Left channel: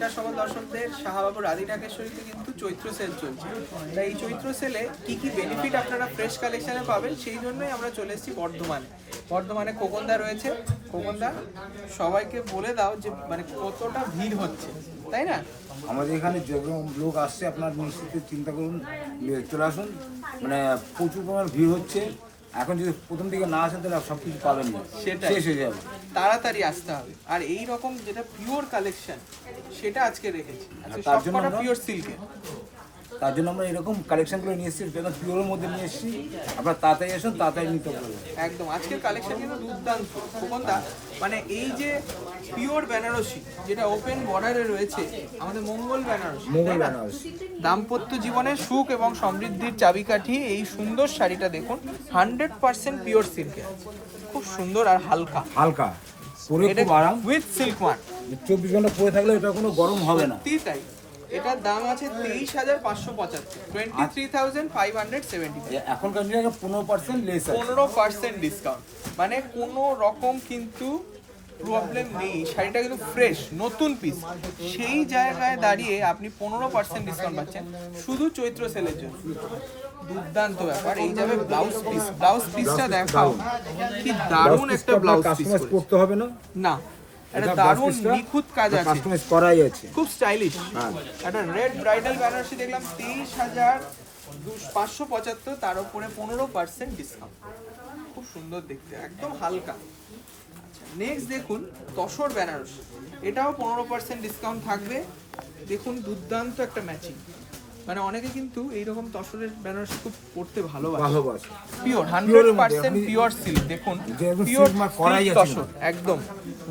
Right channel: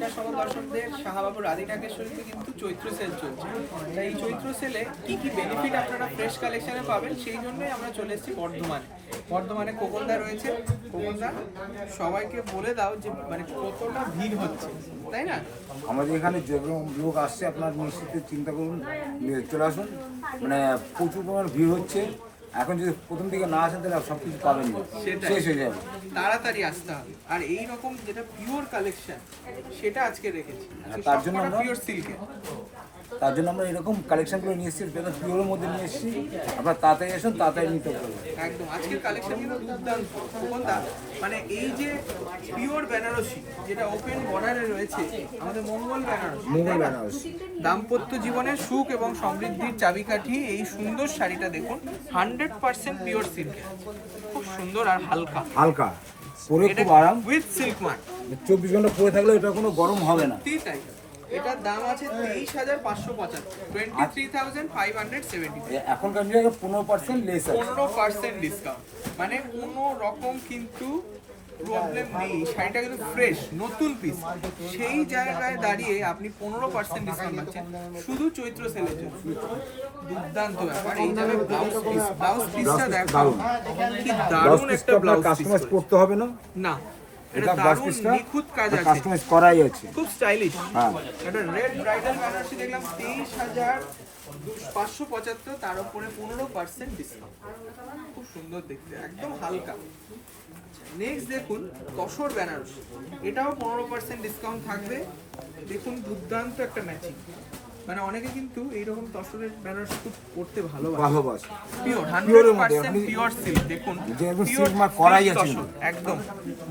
নমস্কার সকল দর্শকদের। শাহবাবু রাধি ঢাকেশ্বরীতে কিন্তু চৈত্র সেল চলছে। তাই এই চৈত্র সেলে কি কি বেনিফিট আপনারা ফ্রেশ কালেকশনে পাবেন সেই জন্যই আমরা চলে এসেছি বর্ধমানে খোকনদা রয়েছে। খোকনদা, সবাইকে বলে দাও যে মানে কতটা ভিড় হচ্ছে, তাই না? আমাদের এখানে যেরকম লোক আসছে আপনার নিশ্চিত চিন্তা করুন, চলে আসুন। মানে প্রচুর পরিমাণ ভিড় হচ্ছে। এখন যদি প্রথম দিকে না আসেন তাহলে সব কিছু পাবেন না, শেষ হয়ে যাবে। তাড়াতাড়ি আসতে হবে। আর এই রকম যেটা পিওর কালেকশন সেটা আজকে রেখেছি, তার জন্য আমরা পিওর সিল্কে। তার জন্য আমরা এরকম কালেকশনগুলো নিয়ে এসেছি, যেন পিওরের মধ্যে নিয়ে এসেছি। আপনার তাড়াতাড়ি আসুন, তাড়াতাড়ি নিতে পারবেন। একদম আজকের কালেকশন কিন্তু দুর্দান্ত। খোকনদা, মানে এই যে পিওর বেনারসি যেটা ওপেন বর্ডারে রয়েছে, আমাদের মঙ্গল বেনারসি, দাম্পত্য জীবনের সুখ এবং সমৃদ্ধির চাবিকাঠি। এই সুন্দর শাড়িটা দেখুন, 100% পিওর সিল্কে, খুব সুন্দর আর হালকা হালকা পরে খুব আরাম, উইথ সিল্ক মার্ক। 24 ঘন্টা পরে থাকলে এটা কোনো গরম হবে না। তাই এটার দাম আছে 23,575, 23,570। এখনকার নিয়ে 15% লেস আছে, 15% ডিসকাউন্ট, মানে কোনো রকম কিন্তু প্রবলেম নেই। শাড়িটা কিন্তু ফ্রেশ নতুন পিস, সেই জায়গায় দাঁড়িয়ে আপনি 15% ডিসকাউন্ট পাচ্ছেন শুধু চৈত্র সেলের জন্য। দুর্দান্ত ব্যাপার। এই যাবে ব্লাউজ পিসটা দেখাও, কি দারুণ একটা ব্লাউজ পিস। কাস্টমাইজ করতে হবে না, না এটা দারুণ নিখুঁত কাজ আছে, কাস্টমাইজ করাই আছে, খুব স্টাইলিশ। হ্যাঁ, একটা রেড ব্রাইডাল বেনারসি দেখলাম 23,575, তার উপরে 15% ডিসকাউন্ট। খুব সুন্দর দেখতে, একদম হালকা। নেক্সট দেখুন তসর বেনারসি, এটাও 15% ডিসকাউন্ট থাকবে। দেখুন দুর্দান্ত একটা ম্যাচিং। মানে অনেকে কিন্তু এইরকম তসরের বেনারসি খুব পড়তে ভালোবাসে। Pure 100% pure silk. দেখুন পিওর করাই আছে একদম,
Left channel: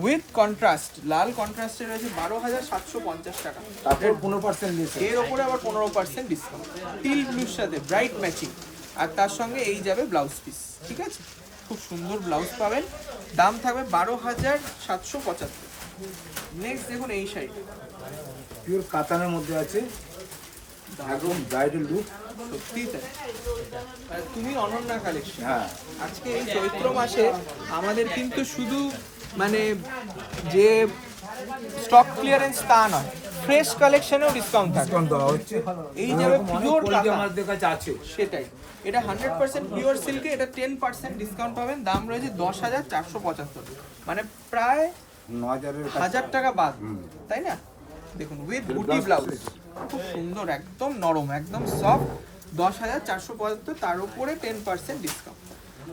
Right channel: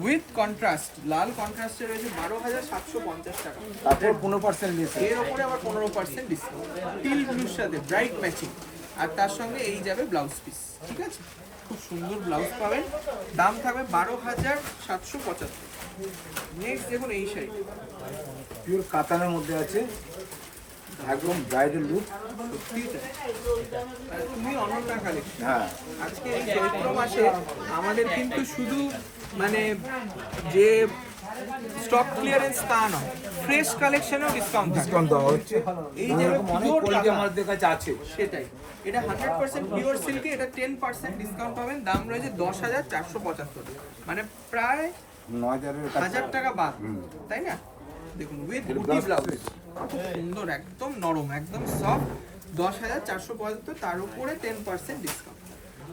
উইথ কন্ট্রাস্ট, লাল কন্ট্রাস্টে রয়েছে 12,750 টাকা। তারপর 15% লেস, এর উপরে আবার 15% ডিসকাউন্ট, টিল ব্লুর সাথে ব্রাইট ম্যাচিং। আর তার সঙ্গে এই যাবে ব্লাউজ পিস, ঠিক আছে? খুব সুন্দর ব্লাউজ পাবেন, দাম থাকবে 12,775। নেক্সট দেখুন এই শাড়ি, পিওর কাতানের মধ্যে আছে, একদম ব্রাইডাল লুক। সত্যি তাই, তুমি অনন্যা কালেকশন। হ্যাঁ, আজকে এই চৈত্র মাসে আমাদের কিন্তু শুধু মানে যে স্টক ক্লিয়ারেন্স তা নয়, ফ্রেশ কালেকশনেও ডিসকাউন্ট দেওয়া হচ্ছে। এই যে পিওর আমাদের কাছে আছে, সেটাই। এটা 100% পিওর সিল্কে, এটা 10% ডিসকাউন্ট পাবেন। দাম রয়েছে 10,475, মানে প্রায় 9,000 টাকা বাদ, তাই না? দেখুন উইথ বুটি ব্লাউজ, খুব সুন্দর, একদম নরম, একদম সফট। 10,475, তার উপরে 10% ডিসকাউন্ট।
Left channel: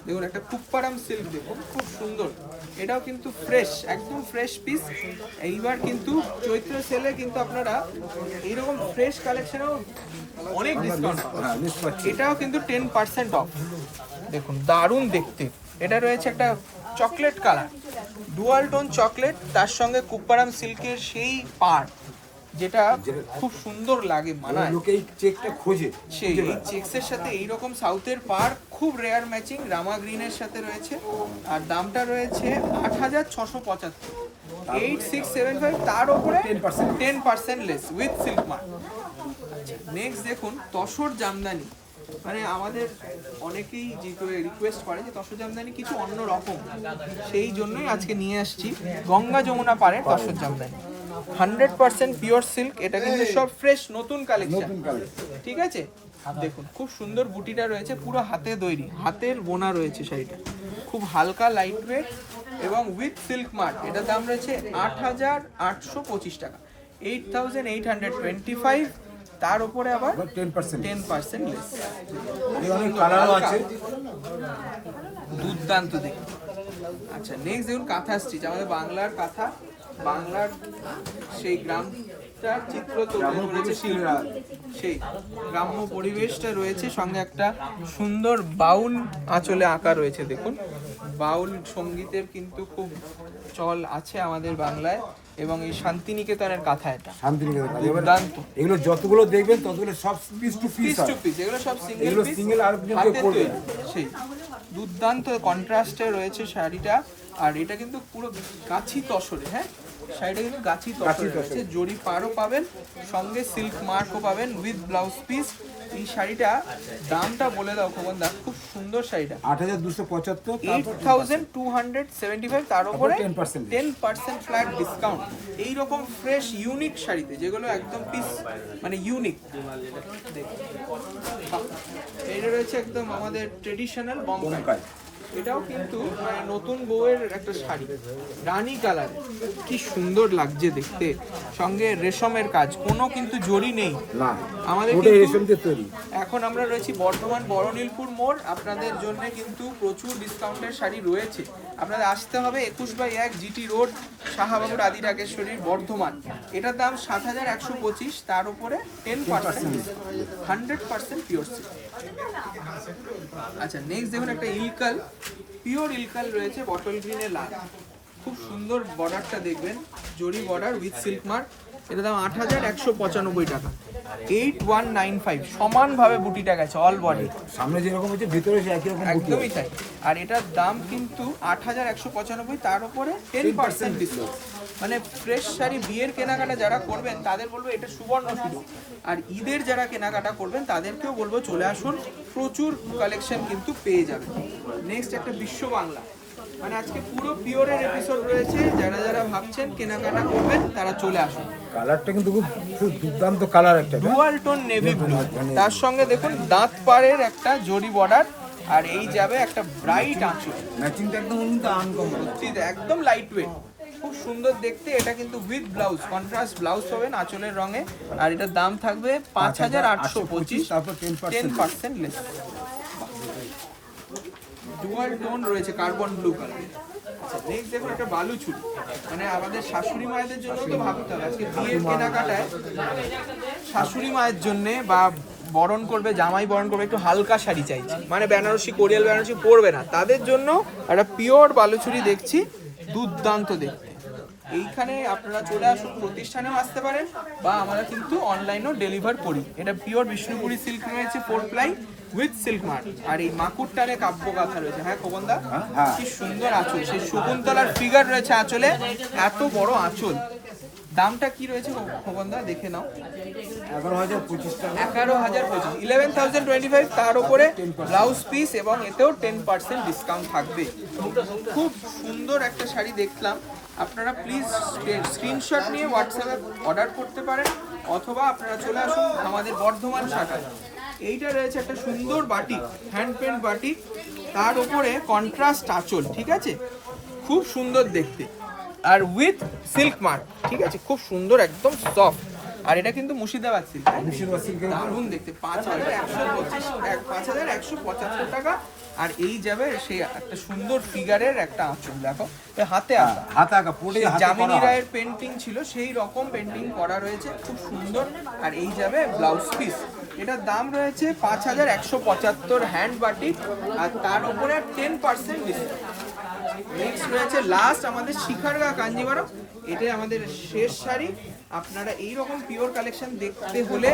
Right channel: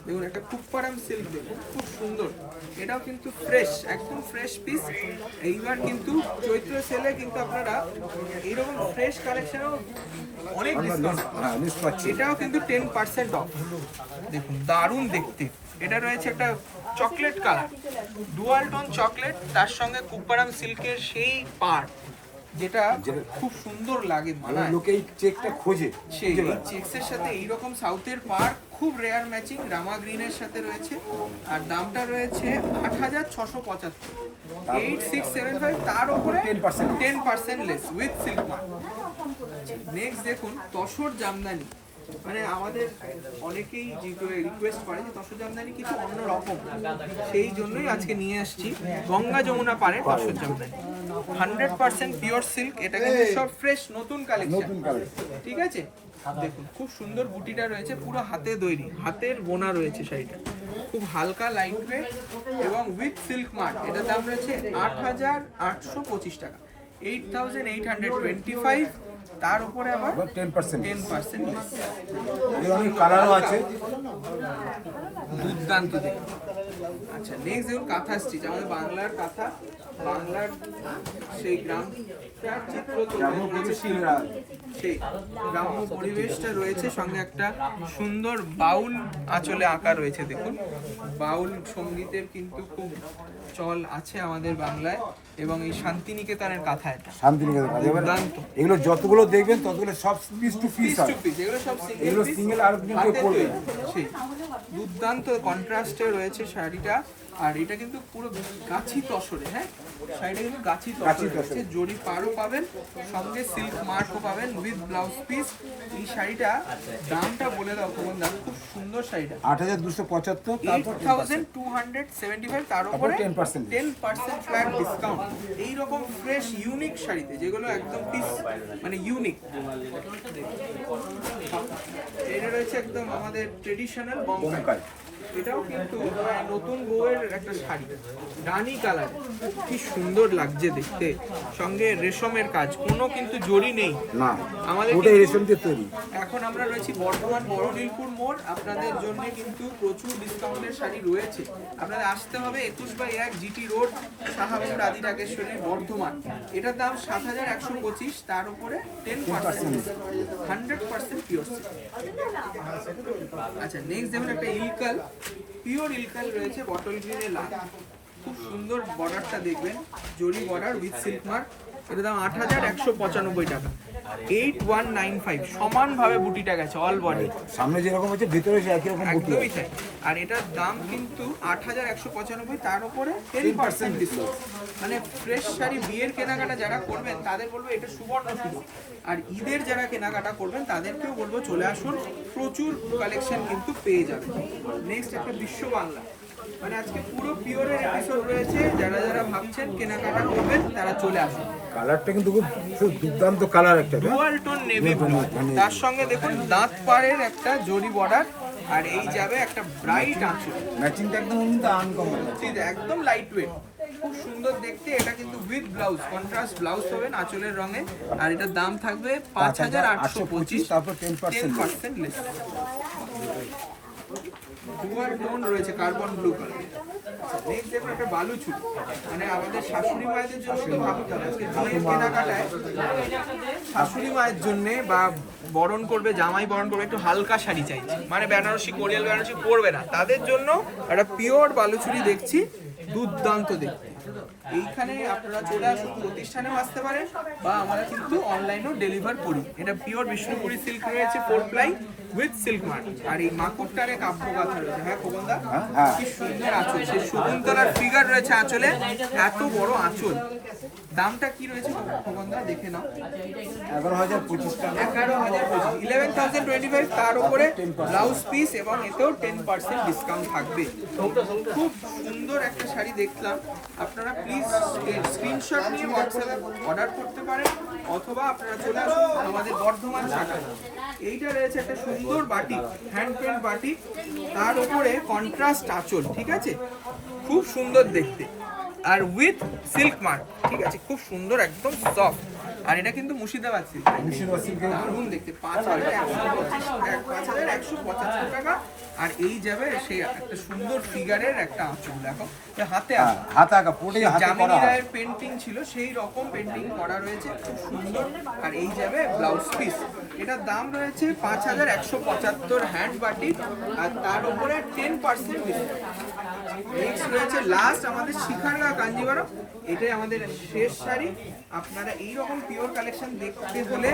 দেখুন একটা কুপ্পারাম সিল্ক, দেখুন খুব সুন্দর, এটাও কিন্তু ফ্রেশ, একদম ফ্রেশ পিস। এইবার কিন্তু চৈত্র সেলে কিন্তু আপনারা এইরকম ফ্রেশ কালেকশনেও অনেক ডিসকাউন্ট পাবেন। এটাও কিন্তু 10% অফ। দেখুন দারুণ দেখতে, এটা রয়েছে একটা chocolate colour, dual tone chocolate, তার সঙ্গে কুপ্পারাম সিল্কের সেই পাড়, যেটা খুব সুন্দর লাগে, মানায়। লোকে এই চেকটা খোঁজে, সেই চেকসের সাথে এইরকম সাউথের পাড়, খুব রেয়ার ম্যাচিং, রামা গ্রিনের সাথে রয়েছে। আর দামটা রয়েছে 8,675, 8,675, তার উপরে 10% less with silk mark. Next দেখুন তসর জামদানি, মানে আমাদের অনেকেই যে করে রিকোয়েস্ট করে যে তসর জামদানি কিছু অন্য রকম, সেই জন্যই আজকে নিয়ে আসছি গঙ্গা যমুনা পাড়ের তসর জামদানি, 100% পিওর সিল্ক। এটা কিন্তু সব ফ্রেশ নতুন কালেকশন, ঠিক আছে? দেখুন খুব সুন্দর বুটিটা রয়েছে, পুরো হাতে তৈরি, হাতের বোনা রয়েছে শাড়িটা, খুব হালকা লাইট ওয়েট এবং উইথ সিল্ক মার্ক। এটার দাম রয়েছে 8,825 টাকা, 8,825, তার উপরে আবার 10% লেস। কালারও আছে, দুর্দান্ত দেখুন। আচ্ছা নেক্সট দেখুন কাঁথা স্টিচ, আমাদের বাংলার কাঁথা, বাংলার সেই গ্রামটা চিত্র সেই গ্রাম্য পরিবেশটা রয়েছে, সঙ্গে একটা সুন্দর বাউল আঁচলে আঁকা রয়েছে। দেখুন বাউল সঙ্গীতের কিন্তু খুব চল আছে আমাদের বাংলায়, এবং এই শান্তিনিকেতনের কাঁথা, এটা দুর্দান্ত। এগুলো যতগুলো দেখবেন ততগুলো সব পিস টু পিস, এগুলো সব সিঙ্গেল আর সেই দুর্দান্ত কন্ট্রাস্টে রয়েছে শাড়িটা, আর এটা কিন্তু পুরো গাছি তসরে, হ্যাঁ শাড়িটা কিন্তু গাছি তসরে রয়েছে, জরি পাড়ও পাবেন, সঙ্গে সিল্ক মার্কও পাবেন উইথ ব্লাউজ পিস। এই শাড়িটা দামটা বলে দাও খোকনদা, খুব সুন্দর শাড়িটা 8275, 8275, তার উপরে 10% ফ্ল্যাট ডিসকাউন্ট। এইরকম ফ্রেশ ইউনিক শাড়িতে যেগুলো একদম পিস মানে ইউনিক, এটা রয়েছে একদম আমাদের ট্রেডিশনাল বঙ্গাই। এটাও কিন্তু মানে নতুন বউয়ের একটা শাড়ি, রানী কালার, কি সুন্দর লাগছে দেখতে, সঙ্গে রেশমের কাজ, কোনো কিন্তু জরি নেই না, আমাদের ওটাই রেশম দিয়ে তৈরি। এখন আমরা রয়েছি বর্ধমান বড়নীলপুর মোড়, আপনাদের জন্য কিন্তু প্রচুর ডিসকাউন্টের শাড়ি রয়েছে। আপনাদের আসতে হবে 21/1 জিটি রোড, শাহবাবুর আদি রাগেশ্বরীর, বর্ধমান। এটার দাম 7125, তার উপরে 10%, 100% পিওর সিল্ক। আচ্ছা নেক্সট দেখুন একটা ইলকাল, পিওর ইলকাল রয়েছে বটল গ্রিনের লাল, খুব সুন্দর বর্ডারটা দেখবেন, জরি বর্ডার উইথ সিল্ক মার্ক। এটার দাম 8195 টাকা, 8195, সমানভাবে বুটিটা গেছে অল বডি, সামনে যেরকম আছে ভিতরে সে একই রকম বুটি একদমই তাই। আর এটার দাম কিন্তু 8195, তার উপরে 10% ডিসকাউন্ট। মানে ফ্রেশ শাড়ি বিয়ের কেনাকাটা যারা করবেন তাদের বলবো এটা সুবর্ণ সুযোগ, আর ঈদের যারা কেনাকাটা করবেন তাদেরকেও বলবো চলে আসুন, প্রচুর কালেকশন কিন্তু পেয়ে যাবেন। নেক্সট একটা বিশ্ব বাংলা, মানে আজকে পুরো পিওরের এপিসোড রয়েছে, যারা যারা ভাবছেন কেনাকাটা করবেন তারা চলে আসুন। কালারটা কিন্তু খুব দুর্দান্ত কালার একটা, ডুয়াল টোন নেভি ব্লু, তার সঙ্গে দেখুন দাঁত পাড়ের একটা জরি বর্ডার, আর এই যাবে একটা ব্রাইট আঁচল, ম্যাচিংটা একদম আনকমন, একদম লাইট ওয়েট, খুব সুন্দর দেখতে। এটা কিন্তু উইথ ব্লাউজ, কন্ট্রাস্ট ব্লাউজ পাবেন আঁচলের রঙে, আর এটার দাম থাকবে 5825, তারপর 10% লেস। ডুয়াল টোন রয়েছে কার্বন ব্লু কালার। নেক্সট দেখুন একটা বালু চুড়ি, মানে আমাদের শাশুড়ি মায়েদের জন্য তো ভাবতে হবে, আজকে বিয়ের কেনাকাটায় শাশুড়ি মায়ের জন্য বা বরণ করবে, জামাই বরণ করবে, একটু হালকা শাড়ি চাইছে, মানে বেনারসি কোরিয়াল বেনারসি পরবে না, তাদের জন্য একটা পিওর বালুচুরি দেখছি, দুর্দান্ত দেখতে। এইখানে আপনারা চলে আসুন, প্রতিষ্ঠানেও আসতে পারেন বা আমরা কিন্তু অনলাইনেও ডেলিভার করি। এটা পিওর বিষ্ণুপুরি সিল্ক রয়েছে, 4 প্লাই উইথ সিল্ক মার্ক, আর এই মাকুরটারে কাব্য গাথা রয়েছে। হ্যাঁ খোকনদা, কি সুন্দর আঁচল, সেই শকুন্তলার ফিগার রয়েছে আঁচলে, এত বড় আঁচল। দামটা কি রয়েছে খোকনদা দেখে নাও, 11,025 টাকা, 11,025, 11,025, তার উপরে ব্লাউজ পিস এবং এতেও 10% ডিসকাউন্ট থাকবে। খুব সুন্দর একটা শাড়ি দেখলাম, আপনারা প্লিজ স্ক্রিনশট নিয়ে হোয়াটসঅ্যাপে অর্ডার করতে পারেন, অথবা আপনারা চলে আসুন আমাদের বর্ধমান শাখায়। এইটা রয়েছে একটা সুন্দর বাটিক, হ্যান্ড পেন্ট বাটিক, তার উপরে কন্ট্রাস্ট আঁচল, ঠিক আছে, খুব সুন্দর দেখতে, আর উইথ সিল্ক মার্ক, ঠিক আছে, খুব সুন্দর একদম সফট। আর এটা কিন্তু মুর্শিদাবাদ সিল্ক, দারুণ দেখতে, 5,175 টাকা। আর এই যাবে সেই একটা সুন্দর ফিগারের একটা আঁচল, দেখো হাতে আঁকা জামিনী রায়ের পেন্টিং ছিল, সেই রকম পেন্টিং করা রয়েছে, খুব সুন্দর। আর এই যাবে ব্লাউজ পিস, এটার দাম রয়েছে 5,175, হ্যান্ড বাটিক, আর তার উপরে 10% ডিসকাউন্ট। নেক্সট রয়েছে লাস্ট আমাদের শিখারগা কাঞ্জিভারম, এটাই আমাদের শেষ শাড়ি। আপনারা এই রকম পিওর কালেকশন দেখতে হলে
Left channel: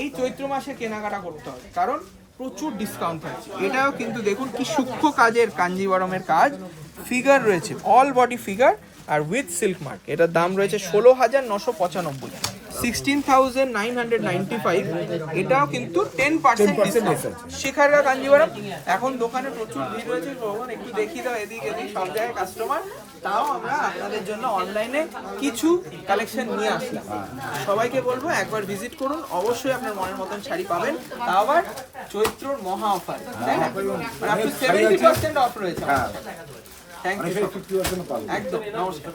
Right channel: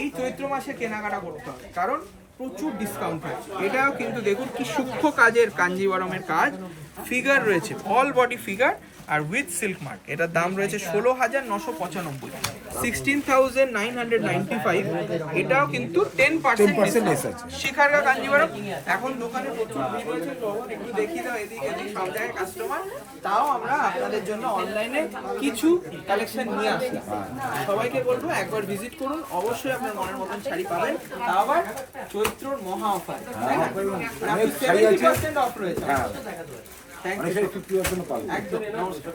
এই চৈত্র মাসে কেনাকাটা করতে হবে, কারণ প্রচুর ডিসকাউন্ট থাকছে। এটাও কিন্তু দেখুন কি সূক্ষ্ম কাজের কাঞ্জিভারমের কাজ, ফিগার রয়েছে অল বডি ফিগার, আর উইথ সিল্ক মার্ক। এটার দাম রয়েছে 16,995, 16,995। এটাও কিন্তু 10% শিখারগা কাঞ্জিভারম। এখন দোকানে প্রচুর ভিড় রয়েছে, ভগবান একটু দেখি দাও, এদিক এদিক সব জায়গায় কাস্টমার, তাও আমরা আপনাদের জন্য অনলাইনে কিছু কালেকশন নিয়ে আসলাম। সবাইকে বলবো একবার ভিজিট করুন, অবশ্যই আপনার মনের মতন শাড়ি পাবেন, তাও আবার চৈত্রর মহা অফার, তাই না? মানে 70% অফ রয়েছে। থ্যাংক ইউ, একদম নমস্কার।